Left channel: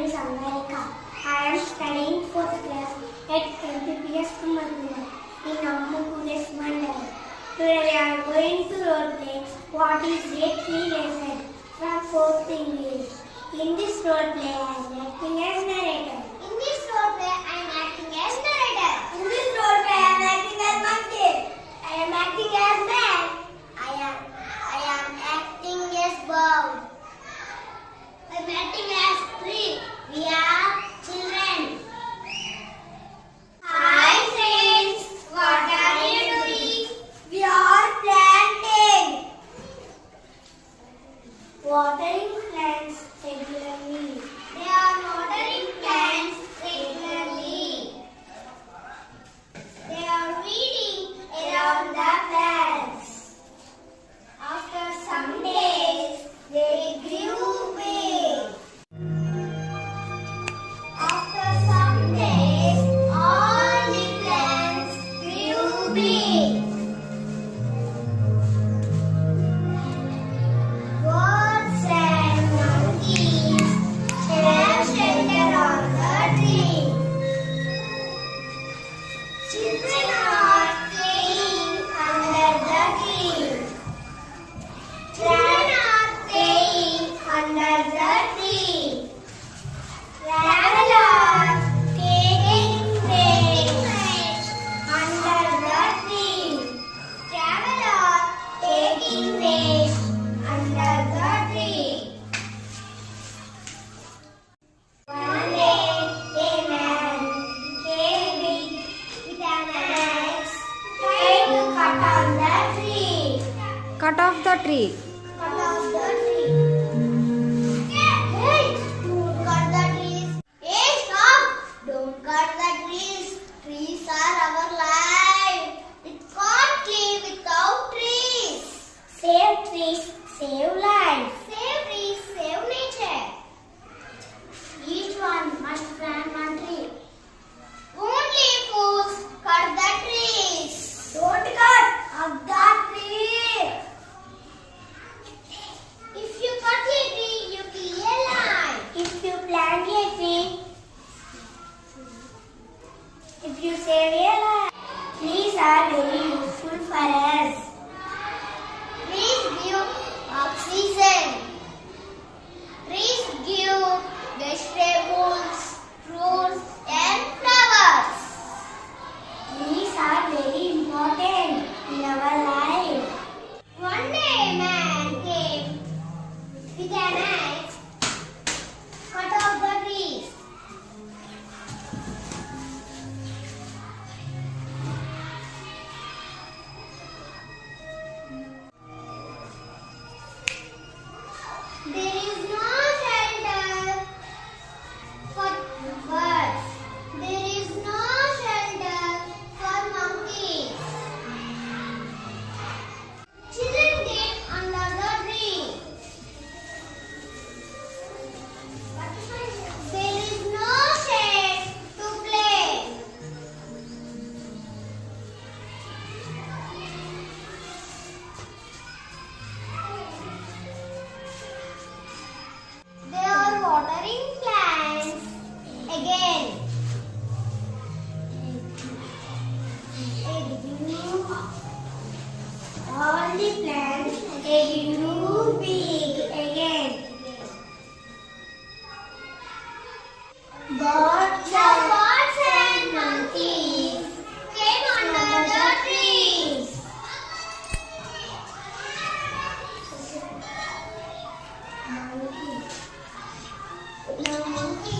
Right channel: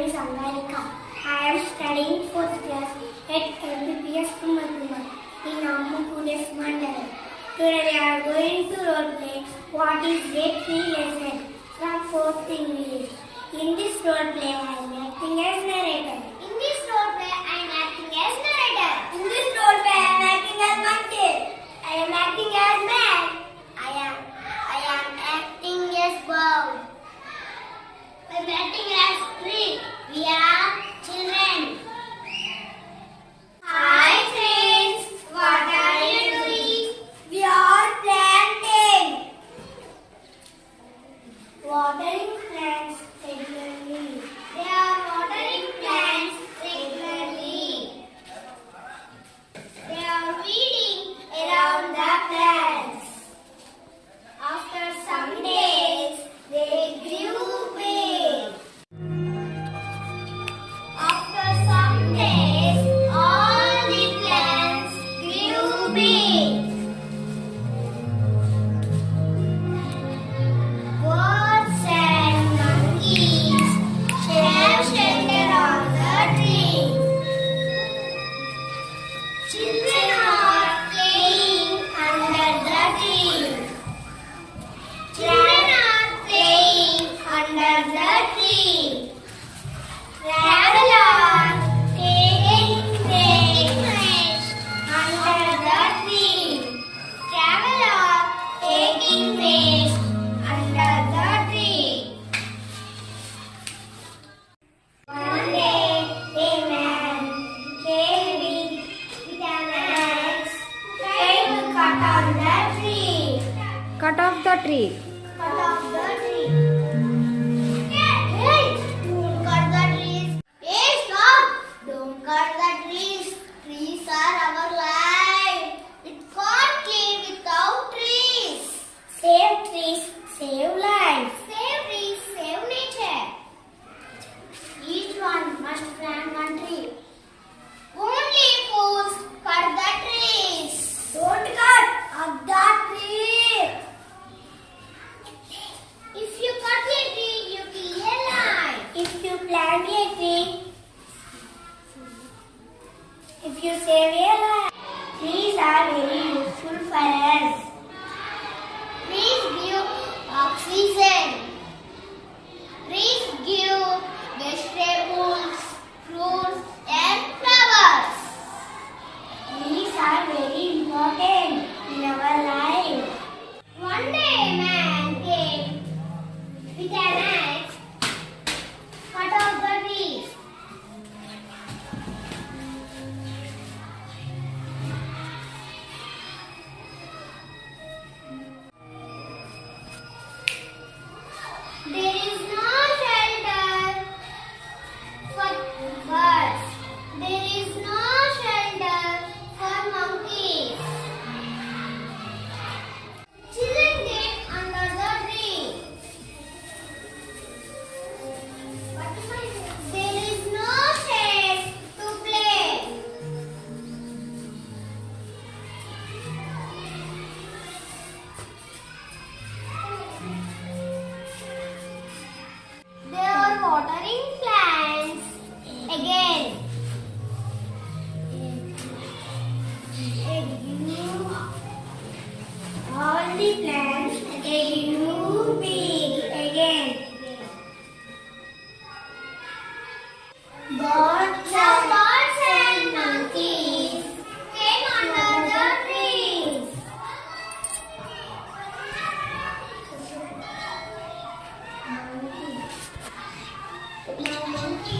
I am studying 4th class at Mpps Thummala in Mandala. Today we are going to role play what is a tree lesson from 4th English. In this role play I am acting as narrator. In this role play I am acting as narrator. In this role play I am acting as monkey. I am acting as man. I am acting as bird. I am acting as tree. We are children. Hi friends, what are you doing? We are planting. Watering plants regularly. They are watering plants regularly. They are weeding around the plants. After some days, they grew big. After some days, all the plants grew big. Birds and monkeys have shelter on the tree. Children are playing under the tree. Children are playing under the tree. Travel on, taking rest under the tree. Travel on, taking rest under the tree. One day, a man came with an axe, trying to cut on the tree. Cut off the tree. Cut off the tree. Hey, don't cut the trees. Hey, stop! Don't cut the trees. Trees are our life. We can't live without trees. Save trees, save life. Save trees, save nature. Each one must plant one tree. Only fools cut the trees. Don't cut up the tree. If you cut a tree, you kill a life. If you plant a tree, if you save a life. Trees are very useful for us. Trees give oxygen. Trees give vegetables, fruits and flowers. Trees are very important in our life. One day a man came with an axe, cut off the trees. There is no shelter for birds. There is no shelter for monkeys. Children get under the tree. There is no shade to play. They are watering plants again. All the plants grew big again. Birds and monkeys came under the trees. Monkey